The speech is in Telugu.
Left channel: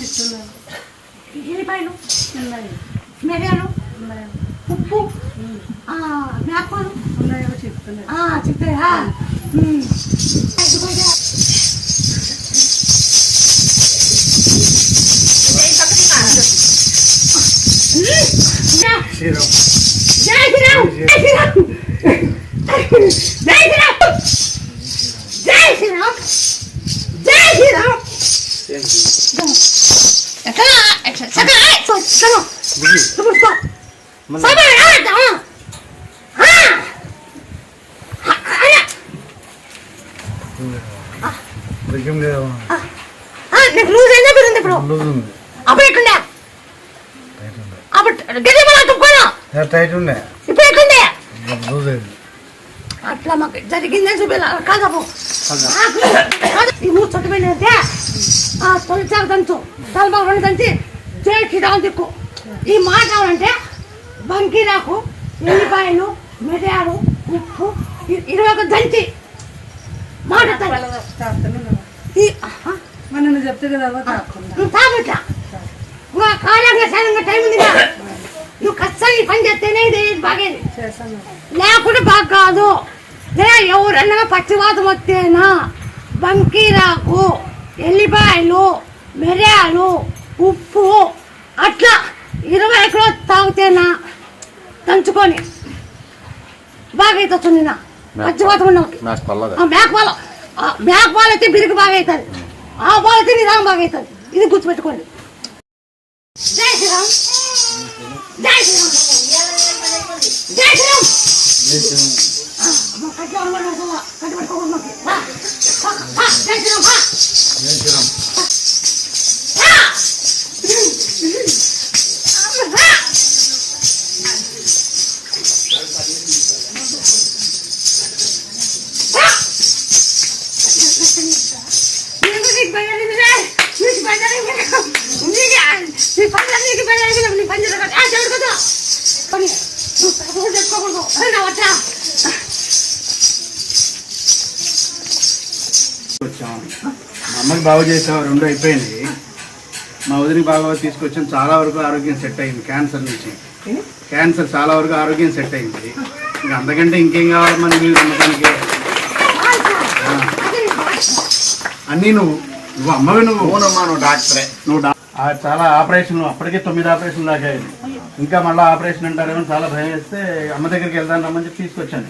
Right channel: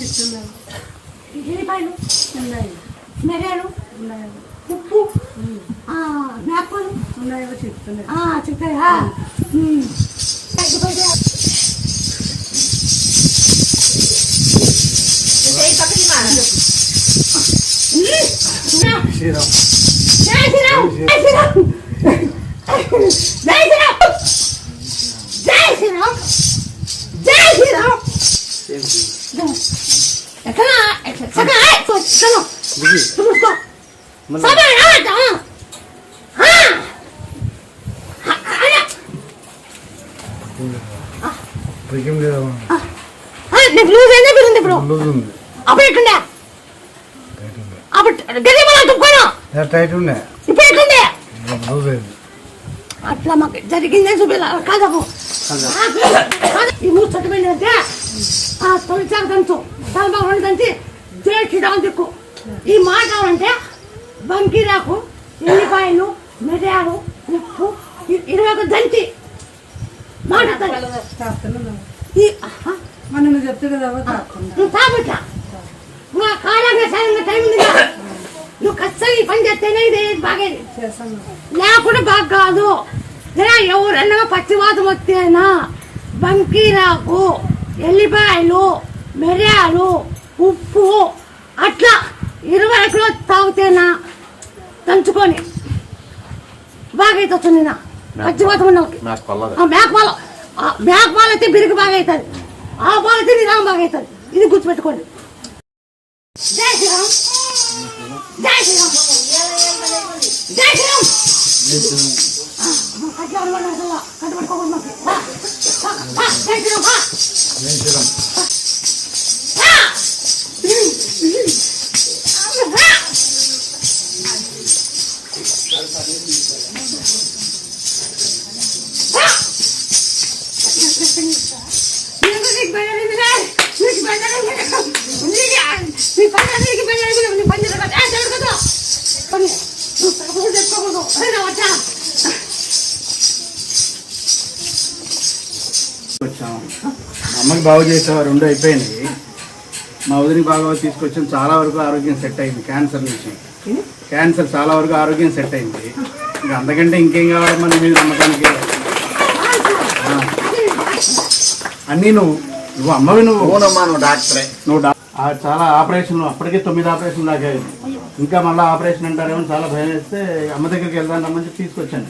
చెప్తున్నారు. ఎల్లిపాయలు ఉన్నాయి, మిరియాలు ఉన్నాయి, ఉప్పు, జ్ఞాపకాలు ఉన్నాయో చెప్తున్నాయి. చెప్తాయా? శ్రీరామ్ జై శ్రీరామ్ జై శ్రీరామ్ జై శ్రీరామ్ జై శ్రీరామ్ జై శ్రీరామ్. నీకు లూజ్ అయిందా పెరిగింది? ఇప్పుడు అప్పుడు ఎట్లుండే? టైట్ ఉండే, ఇప్పుడు ఎట్లుండే? లూజ్ అయింది. అట్లా మాకు జరిగిందే కాదము. ఈ మూడు చొట్టు వెళ్ళితే తొలిచారు దంచు, తలబాగు రెండు దంచి చేసి దాని దిక్కు. ఈ మాట కావాలంటే బంకీరాకు, ఎల్లిపాయలు, మిరియాలు, ఉప్పు 21 దంచి మాట మనం చెప్తే కదా తాగట్లా కాలంగా సరంగా టైం ఉంది. నువ్వు ఖచ్చితంగా ఈ పని చేస్తేనే ఇది బాగేది, లేకుండా బాగా కాదు. ఎవరన్నా పచ్చివాతం వస్తేనా బంకీరాకు, ఎల్లిపాయలు, మిరియాలు, ఉప్పు అట్లా 20 కిలో తాగితేనా దంచుకొని బాగా అవుతుంది. పచ్చివాతం ఉన్న మేకపాలు అయితే బిరుగు బాగా అవుతుంది, ఆ పాలు అయితే నిదానం బాగా అవుతుంది. ఇది గుర్తుపెట్టుకోండి. జై శ్రీరామ్ జై శ్రీరామ్ జై శ్రీరామ్. కట్టుబడుకోకూడదు. జై శ్రీరామ్. వచ్చాం, మా అమ్మకి బాగు చేసావు, 2 అయిపోయింది. మా వదిలికి బాగా తీసుకొచ్చాం. చాలా వరకు ఆరోగ్యం సెట్ అయింది. క్యాన్సర్ నుంచి చాలా వరకు ఆరోగ్యం సెట్ అయింది. ఇంకా అంతకంటే ఇంకేం కావాలి మన మీద నమ్మకానికి? అన్నీ నువ్వు అమ్మవి, నువ్వు డాక్టరే. చాలా ఆపరేషన్లు, అప్పటికే 9 ఆపరేషన్లు దాకా అయింది. ఇంకా మళ్ళీ ఆపరేషన్ అంటారేమో చాలా భయం వేస్తే అమ్మ దగ్గరికి వెళ్దాం రమ్మని చెప్పి తీసుకొచ్చాను.